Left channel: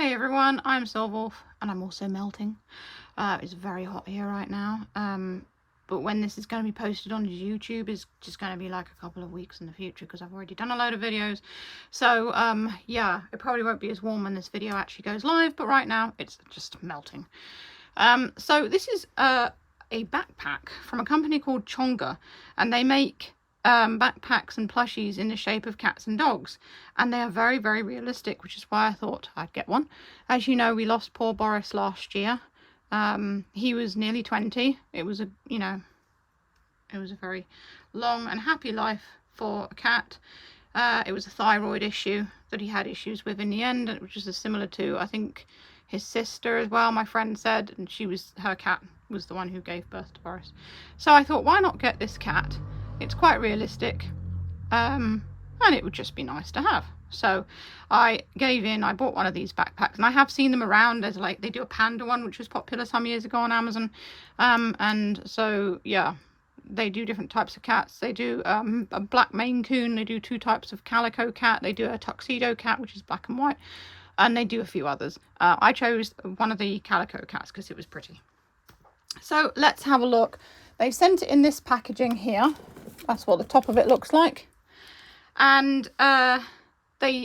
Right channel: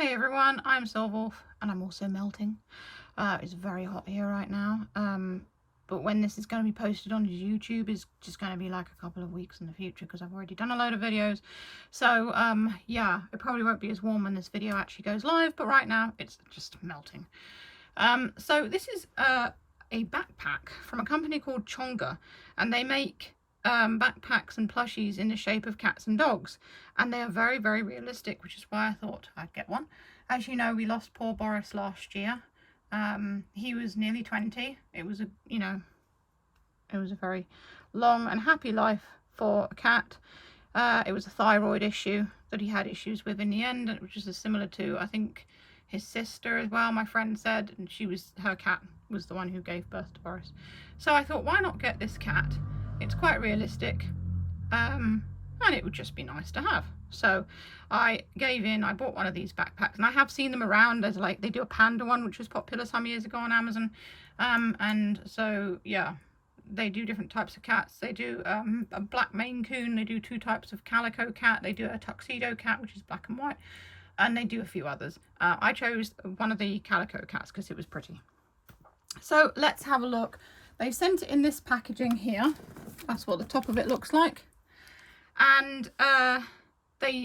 Hey everyone, I'm Silverwolf and I'm also melting. It's very hot here right now. But when this is going to be posted on YouTube is just going to be like a couple of weeks in the future because I've already done a load of videos. So yeah, it probably won't be as warm when this video actually goes live, but right now it's just melting. So this is a backpack from a company called Chonga, and they make backpacks and plushies in the shape of cats and dogs, and they are very, very realistic, which is why I thought I'd get one. As you know, we lost poor Boris last year. He was nearly 20. It was a very long and happy life for a cat. It was a thyroid issue that he had issues with in the end, which is similar to, I think, his sister as well, my friend said, and her cat was the one who gave birth to Boris. So I thought, why not get this cat? It's quite realistic, and it would just be nice to have. So I gave in. I bought one of these backpacks, and I have seen them around. There's they do a panda one, which was popular some years ago on Amazon, and so yeah, they do different types of cats. They do a black Maine Coon. They do two types of calico cat. They do a tuxedo cat, which is black and white, and they do a few others. I chose one of the calico cats because it was pretty. So let's have a look. They've sent it in this packaging here. That's what the top of it looks like. And I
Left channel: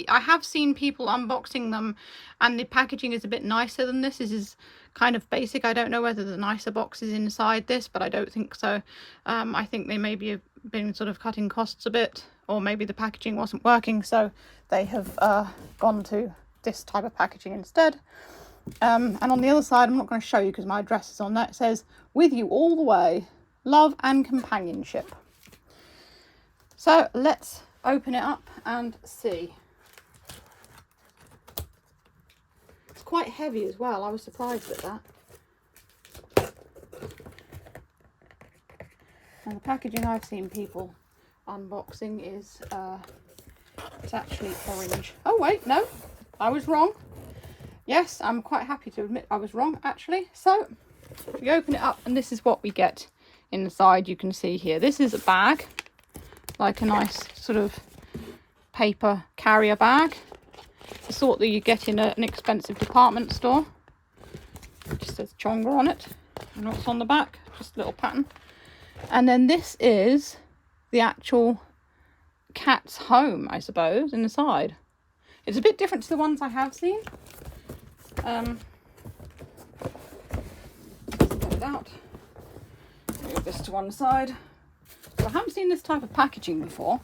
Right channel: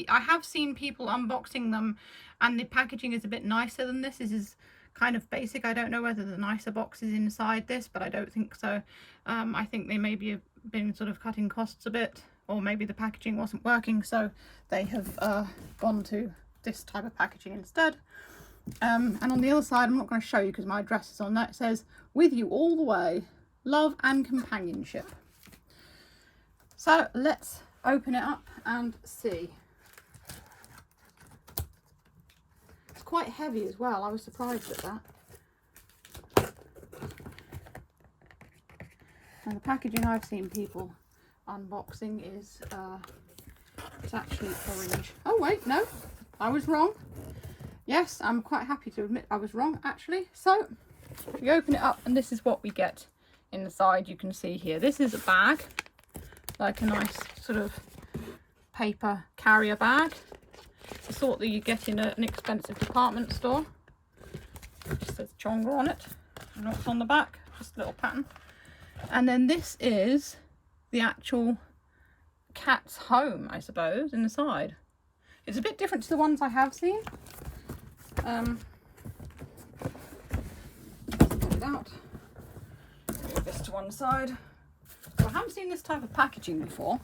have seen people unboxing them, and the packaging is a bit nicer than this. This is kind of basic. I don't know whether the nicer box is inside this, but I don't think so. I think they maybe have been sort of cutting costs a bit, or maybe the packaging wasn't working, so they have gone to this type of packaging instead. And on the other side, I'm not going to show you because my address is on that. It says, "With you all the way, love and companionship." So let's open it up and see. It's quite heavy as well. I was surprised at that. And the packaging I've seen people unboxing is it's actually orange. Oh wait, no, I was wrong. Yes, I'm quite happy to admit I was wrong actually. So we open it up and this is what we get inside. You can see here, this is a bag, like a nice sort of paper carrier bag, the sort that you get in an expensive department store. It just says Chonga on it, and what's on the back, just a little pattern. And then this is the actual cat's home, I suppose, inside. It's a bit different to the ones I have seen. Get it out. Move this to one side. So I haven't seen this type of packaging before.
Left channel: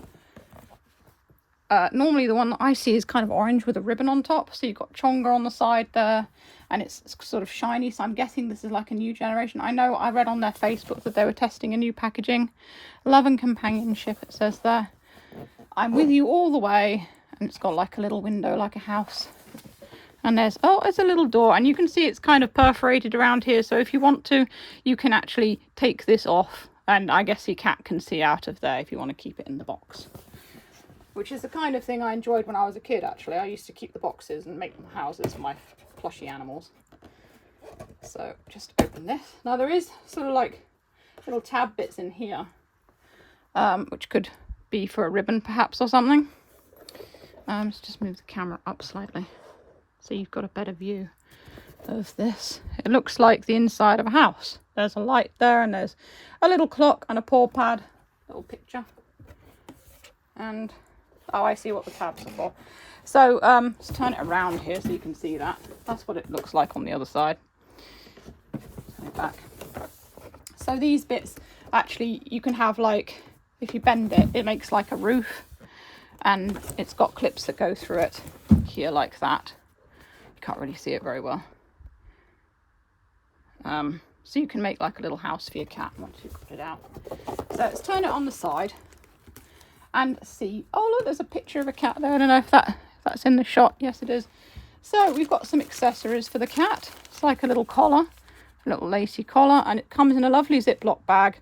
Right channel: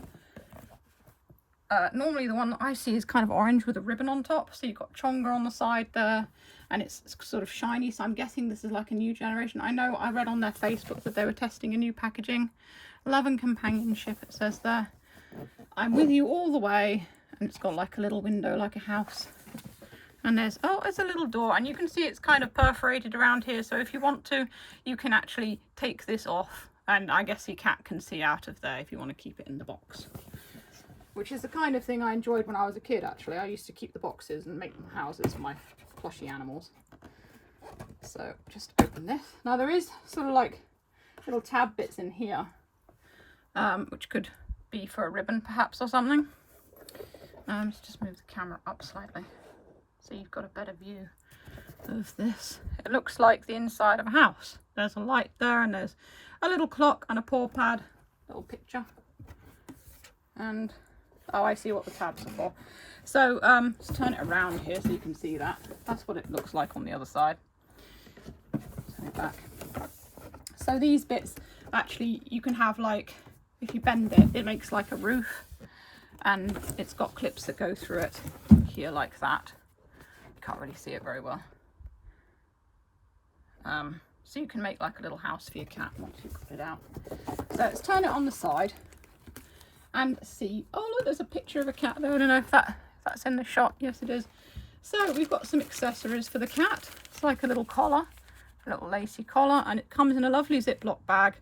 Normally the one that I see is kind of orange with a ribbon on top. So you've got Chonga on the side there, and it's sort of shiny. So I'm guessing this is like a new generation. I know I read on their Facebook that they were testing a new packaging. Love and companionship, it says there. I'm with you all the way. And it's got like a little window, like a house. And there's a little door, and you can see it's kind of perforated around here. So if you want to, you can actually take this off, and I guess your cat can see out of there if you want to keep it in the box. Which is the kind of thing I enjoyed when I was a kid, actually. I used to keep the boxes and make them houses for my plushy animals. So just open this. Now there is sort of like little tab bits in here, which could be for a ribbon perhaps or something. Let's just move the camera up slightly so you've got a better view of this. It looks like the inside of a house. There's a light there, and there's a little clock and a paw pad, little picture. And oh, I see what the tabs are for. So let's turn it around here so you can see that. That's what it looks like on the other side. Turn it back. So these bits, actually, you can have like, if you bend it, it makes like a roof, and it's got clips that go through it here like that. You can't really see it very well. So you can make like a little house for your cat once you put it out. So let's turn it on the side and see. Oh look, there's a picture of a cat there. I don't know if that's in the shot. Yes, it is. So we've got some accessories for the cat. It's like a little collar, a little lacy collar, and it comes in a lovely Ziploc bag,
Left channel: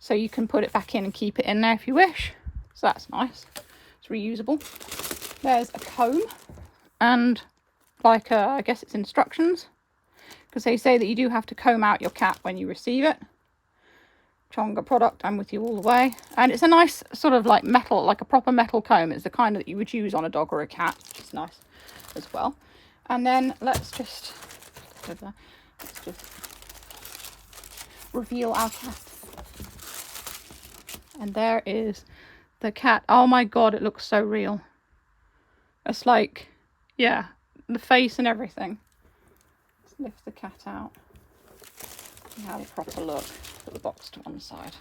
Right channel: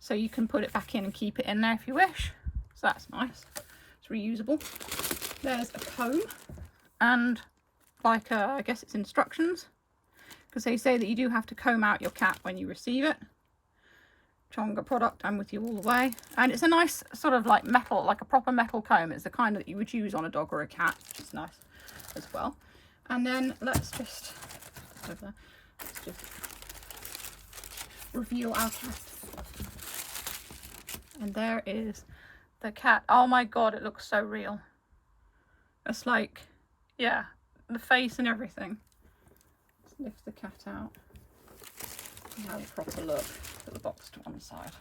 so you can put it back in and keep it in there if you wish. So that's nice. It's reusable. There's a comb, and like I guess it's instructions, because they say that you do have to comb out your cat when you receive it. Chonga product, I'm with you all the way. And it's a nice sort of like metal, like a proper metal comb. It's the kind that you would use on a dog or a cat, which is nice as well. And then let's just reveal our cat. And there is the cat. Oh my god, it looks so real. It's like, yeah, the face and everything. Let's lift the cat out. Have a proper look. Put the box to one side.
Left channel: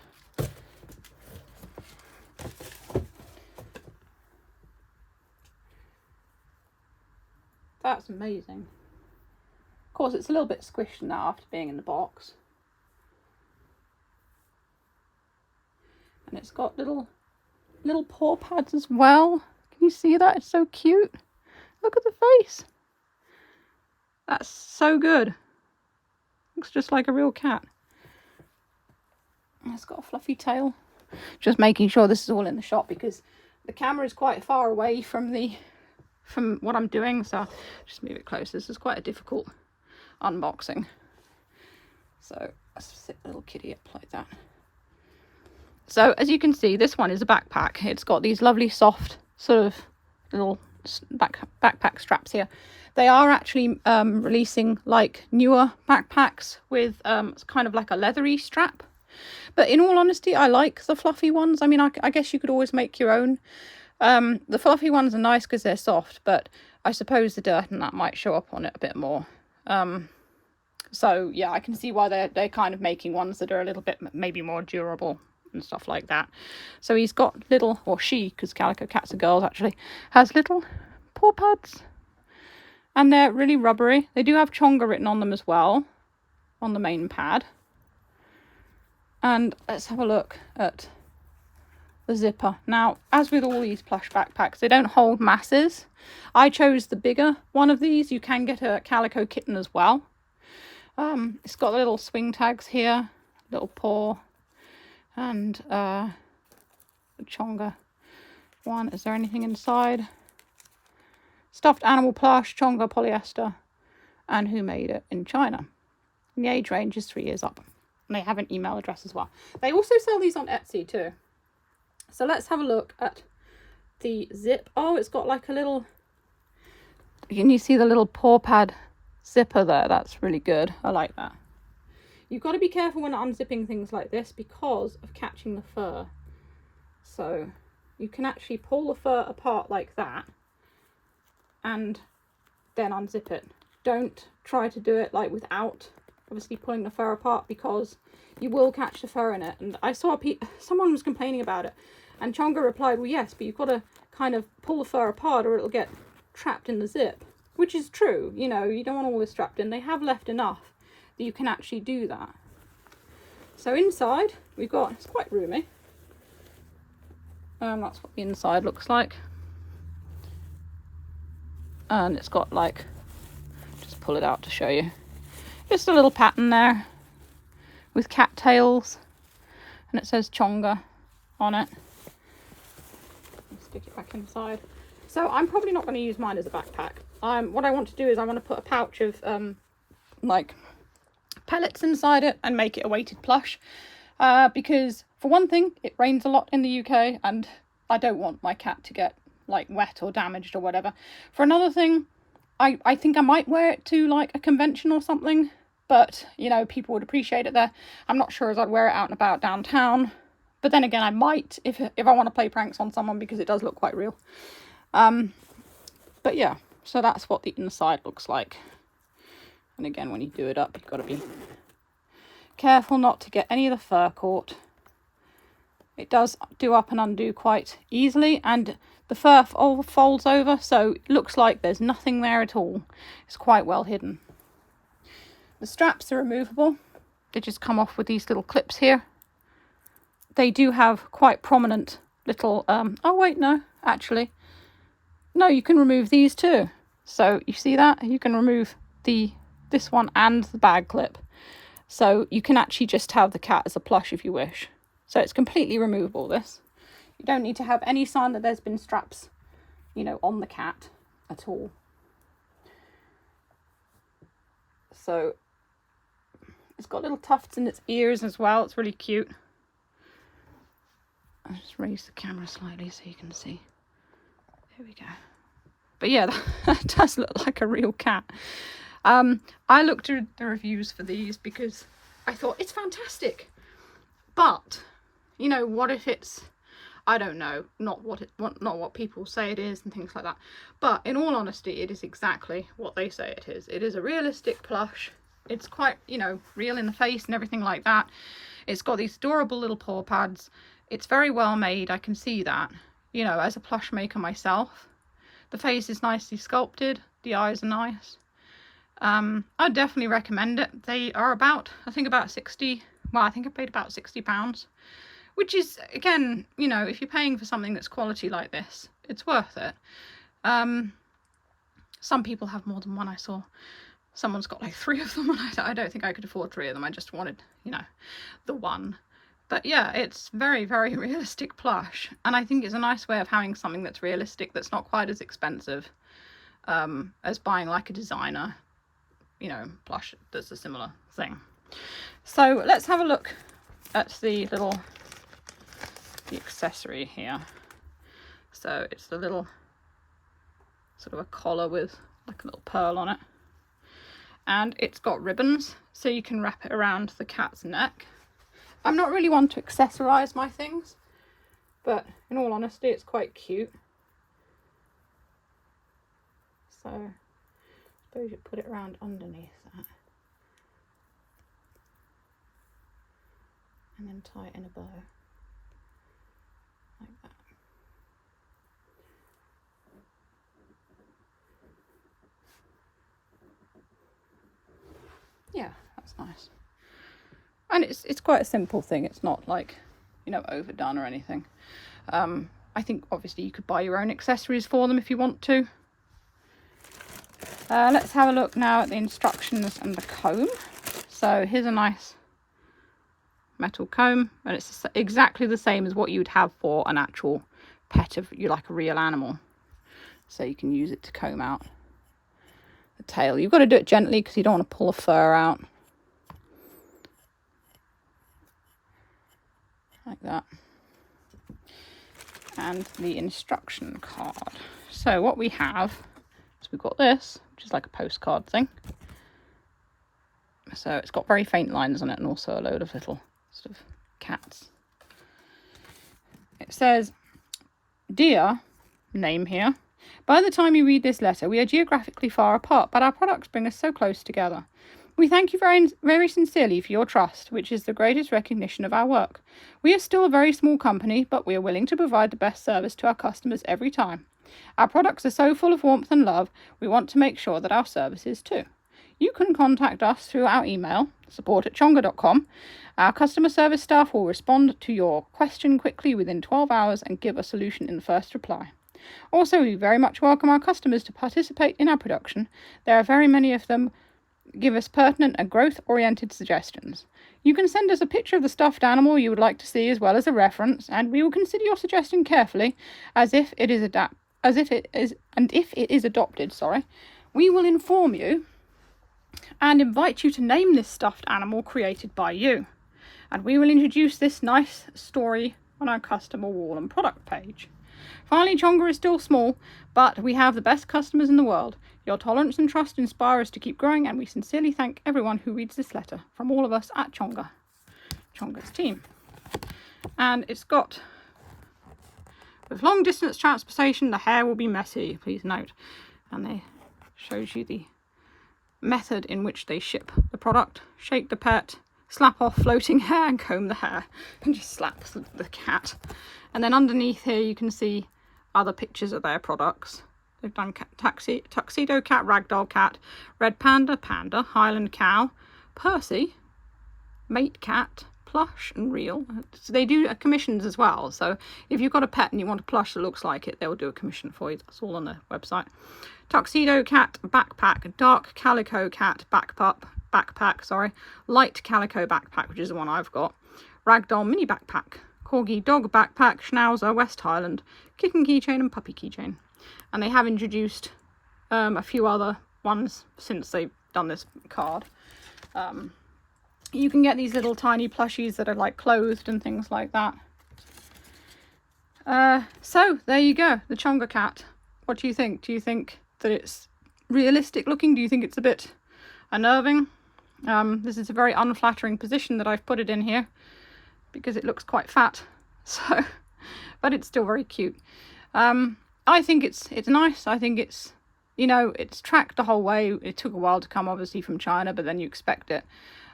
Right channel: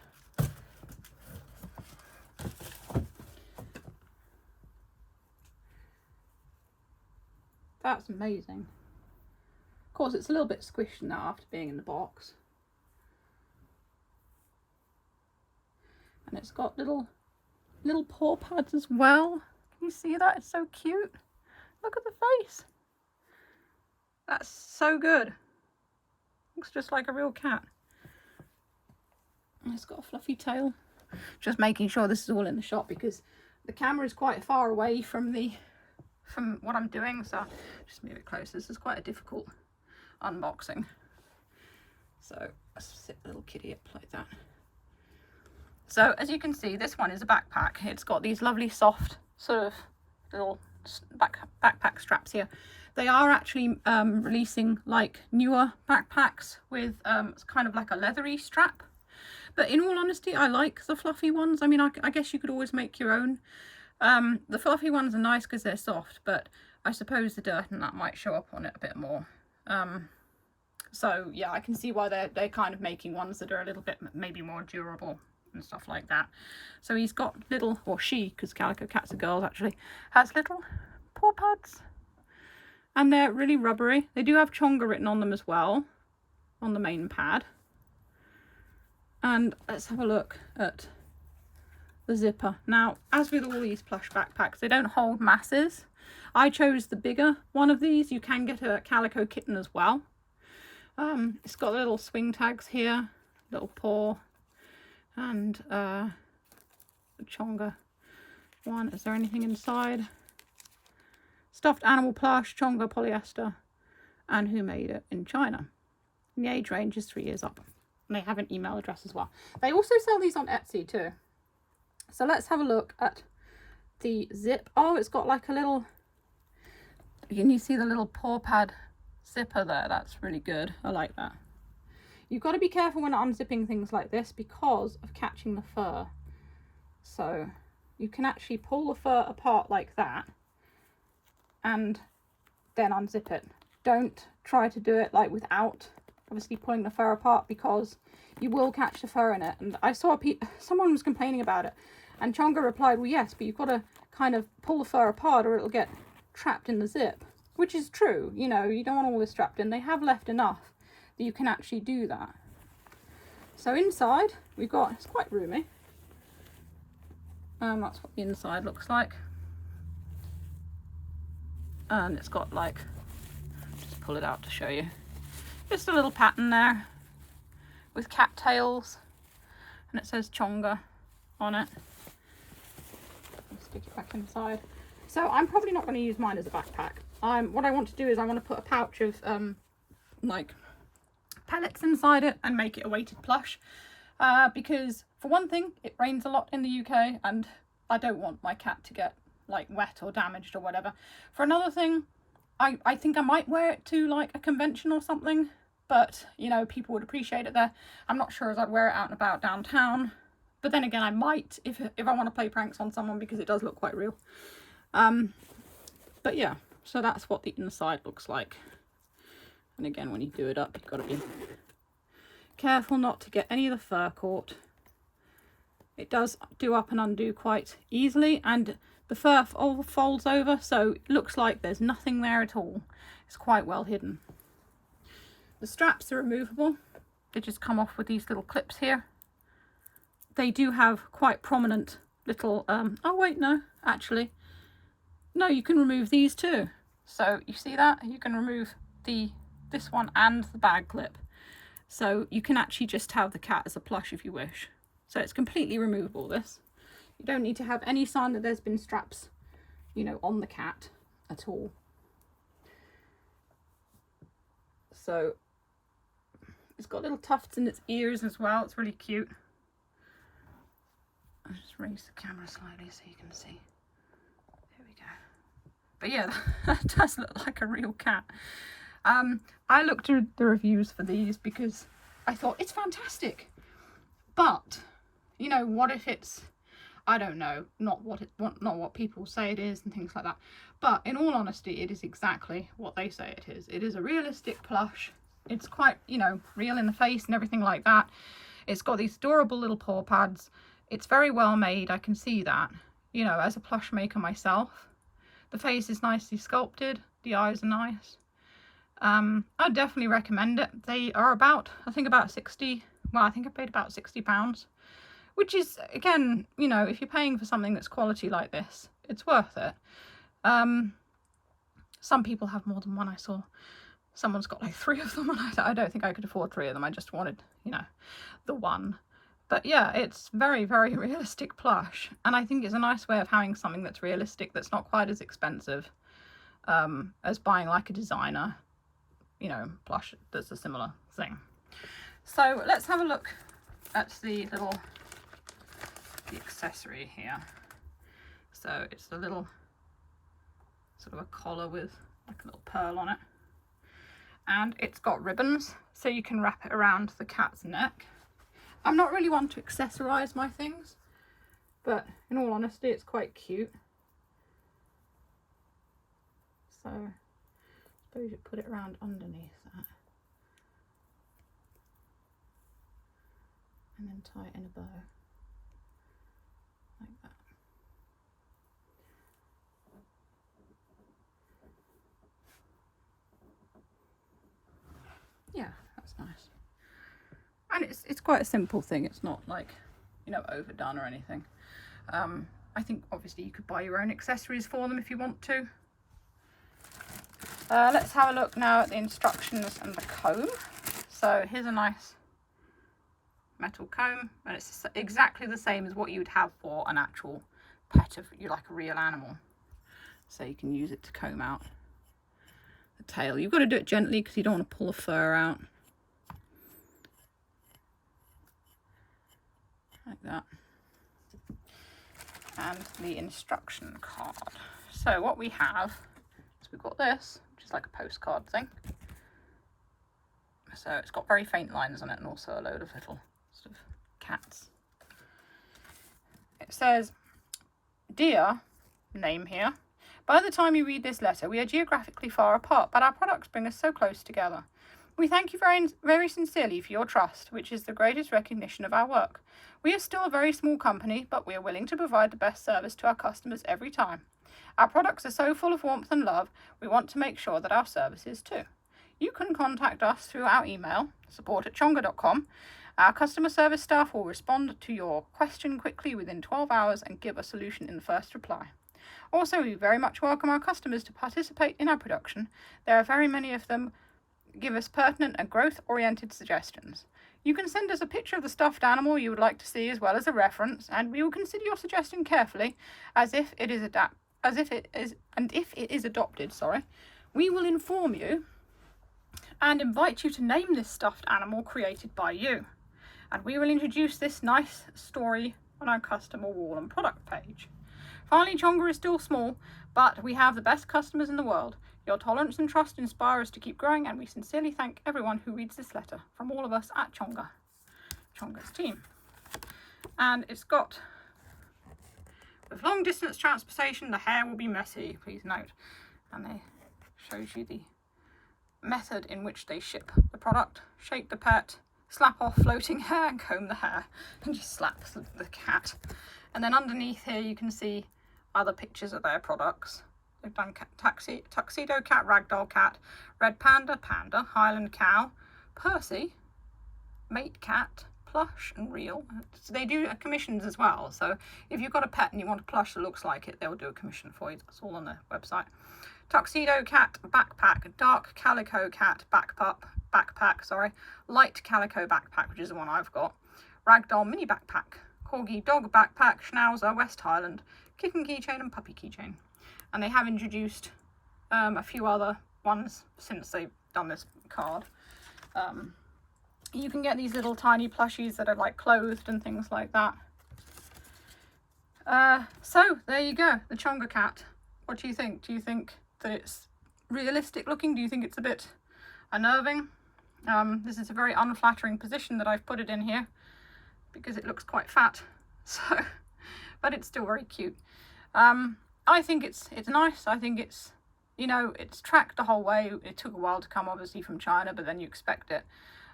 That's amazing. Of course, it's a little bit squished now after being in the box. And it's got little paw pads as well. Can you see that? It's so cute. Look at the face. That's so good. Looks just like a real cat. And it's got a fluffy tail. Just making sure this is all in the shot because the camera is quite far away from what I'm doing, so just move it close. This is quite a difficult unboxing. So let's sit the little kitty up like that. So as you can see, this one is a backpack. It's got these lovely soft sort of little backpack straps here. They are actually releasing like newer backpacks with kind of like a leathery strap. But in all honesty, I like the fluffy ones. I mean, I guess you could always make your own. The fluffy ones are nice because they're soft, but I suppose the dirt and that might show up on it a bit more. So yeah, I can see why they're kind of making ones that are a little bit maybe more durable and stuff like that. So he's got little, or she, because calico cats are girls actually, has little paw pads. And they're really rubbery. They do have Chonga written on them as well, on the main pad. And let's have a look at the zipper. Now, as with all these plush backpacks, they don't hold masses. I chose the bigger one of these. You can get a calico kitten as well. It's got little swing tags here, little paw, and the Chonga one. Is there anything inside? Stuffed animal plush, Chonga polyester, and who made it in China. And the age range is 3 years up. And they have an email address as well. They also sell these on Etsy too. So let's have a look at the zip. Oh, it's got like a little, can you see the little paw pad zipper there? That's really good. I like that. You've got to be careful when unzipping things like this because of catching the fur. So you can actually pull the fur apart like that and then unzip it. Don't try to do it like without obviously pulling the fur apart because you will catch the fur in it. And I saw someone was complaining about it, and Chonga replied, well yes, but you've got to kind of pull the fur apart or it'll get trapped in the zip, which is true. You know, you don't want all this strapped in. They have left enough that you can actually do that. So inside we've got, it's quite roomy. That's what the inside looks like. And it's got like, just pull it out to show you. Just a little pattern there with cattails, and it says Chonga on it. Stick it back inside. So I'm probably not going to use mine as a backpack. What I want to do is I want to put a pouch of like pellets inside it and make it a weighted plush, because for one thing it rains a lot in the UK and I don't want my cat to get like wet or damaged or whatever. For another thing, I think I might wear it to like a convention or something, but you know, people would appreciate it there. I'm not sure as I'd wear it out and about downtown, but then again I might if I want to play pranks on someone because it does look quite real. But yeah, so that's what the inside looks like. And again, when you do it up, you've got to be careful not to get any of the fur caught. It does do up and undo quite easily, and the fur all folds over, so it looks like there's nothing there at all. It's quite well hidden. The straps are removable. They just come off with these little clips here. They do have quite prominent little, oh wait, no, actually. No, you can remove these too. So you see that? You can remove this one and the bag clip. So you can actually just have the cat as a plush if you wish. So it's completely removable, this. You don't need to have any sign that there's been straps, you know, on the cat at all. So it's got little tufts in its ears as well. It's really cute. I'll just raise the camera slightly so you can see. There we go. But yeah, that does look like a real cat. I looked at the reviews for these because I thought it's fantastic. But, you know, what if it's, I don't know, not what people say it is and things like that. But in all honesty, it is exactly what they say it is. It is a realistic plush. It's quite, you know, real in the face and everything like that. It's got these adorable little paw pads. It's very well made. I can see that, you know, as a plush maker myself. The face is nicely sculpted. The eyes are nice. I'd definitely recommend it. They are about, I think about 60. Well, I think I paid about £60, which is, again, you know, if you're paying for something that's quality like this, it's worth it. Some people have more than one. I saw someone's got like 3 of them, and I don't think I could afford 3 of them. I just wanted, you know, the one. But yeah, it's very, very realistic plush, and I think it's a nice way of having something that's realistic, that's not quite as expensive as buying like a designer, you know, plush that's a similar thing. So let's have a look at the accessory here. So it's the little sort of a collar with like a little pearl on it, and it's got ribbons so you can wrap it around the cat's neck. I'm not really one to accessorize my things, but in all honesty, it's quite cute. So I suppose you put it around underneath that and then tie it in a bow like that. Yeah, that's nice. And it's quite a simple thing. It's not like, you know, overdone or anything. I think obviously you could buy your own accessories for them if you want to. Let's have a look now at the instructions and the comb. So here's a nice metal comb, and it's exactly the same as what you would have for an actual pet of you, like a real animal. So you can use it to comb out the tail. You've got to do it gently because you don't want to pull the fur out. Like that. And the instruction card. So what we have is we've got this, which is like a postcard thing. So it's got very faint lines on it and also a load of little sort of cats. It says, "Dear," name here, "by the time you read this letter, we are geographically far apart, but our products bring us so close together. We thank you very, very sincerely for your trust, which is the greatest recognition of our work. We are still a very small company, but we are willing to provide the best service to our customers every time. Our products are so full of warmth and love, we want to make sure that our service is too. You can contact us through our email, support@chonga.com. Our customer service staff will respond to your question quickly within 12 hours and give a solution in the first reply. Also, we very much welcome our customers to participate in our production. There are very many of them. Give us pertinent and growth-oriented suggestions. You can send us a picture of the stuffed animal you would like to see as well as a reference, and we will consider your suggestion carefully if it is adopted, we will inform you and invite you to name this stuffed animal created by you. And we will introduce this nice story on our customer wall and product page. Finally, Chonga is still small, but we have the best customers in the world. Your tolerance and trust inspire us to keep growing, and we sincerely thank everyone who reads this letter from all of us at Chonga, Chonga's team." And it's got, "With long distance transportation, the hair will be messy, please note." And it shows you the method in which they ship the product. Shake the pet, slap off floating hair, and comb the hair, and just slap the cat. And then underneath here you can see other pictures of their products. They've done tuxedo cat, ragdoll cat, red panda, panda, Highland cow, Percy, mate cat, plush and real. So they do commissions as well. So if you've got a pet and you want a plush that looks like it, they'll do a commission for you. That's all on their website. Tuxedo cat backpack, dark calico cat backpack, light calico backpack, which is the one I've got, ragdoll mini backpack, corgi dog backpack, schnauzer, West Highland, kitten keychain and puppy keychain. And they have introduced a few other ones since they've done this card. You can get these little tiny plushies that are like clothed and things like that. So there you go, the Chonga cat. What do you think? Do you think that it's realistic looking? Do you think it's a bit unnerving? This is a very unflattering position that I've put it in here because it looks quite fat. So, but it's still very cute. I think it's nice. I think it's, you know, it's tracked the whole way. It took a while to come, obviously, from China, but then you expect it.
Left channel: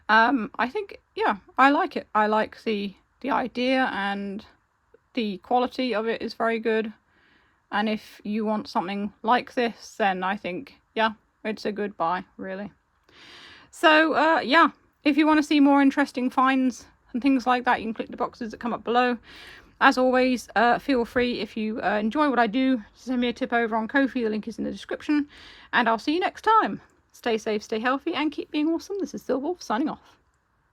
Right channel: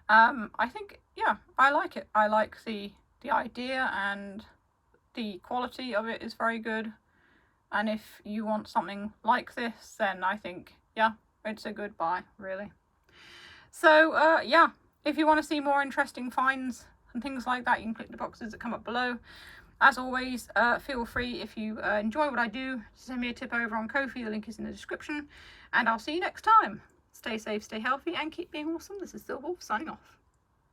I think, yeah, I like it. I like the idea, and the quality of it is very good. And if you want something like this, then I think, yeah, it's a good buy, really. So, yeah, if you want to see more interesting finds and things like that, you can click the boxes that come up below. As always, feel free, if you enjoy what I do, to send me a tip over on Ko-fi. The link is in the description. And I'll see you next time. Stay safe, stay healthy, and keep being awesome. This is Silver Wolf signing off.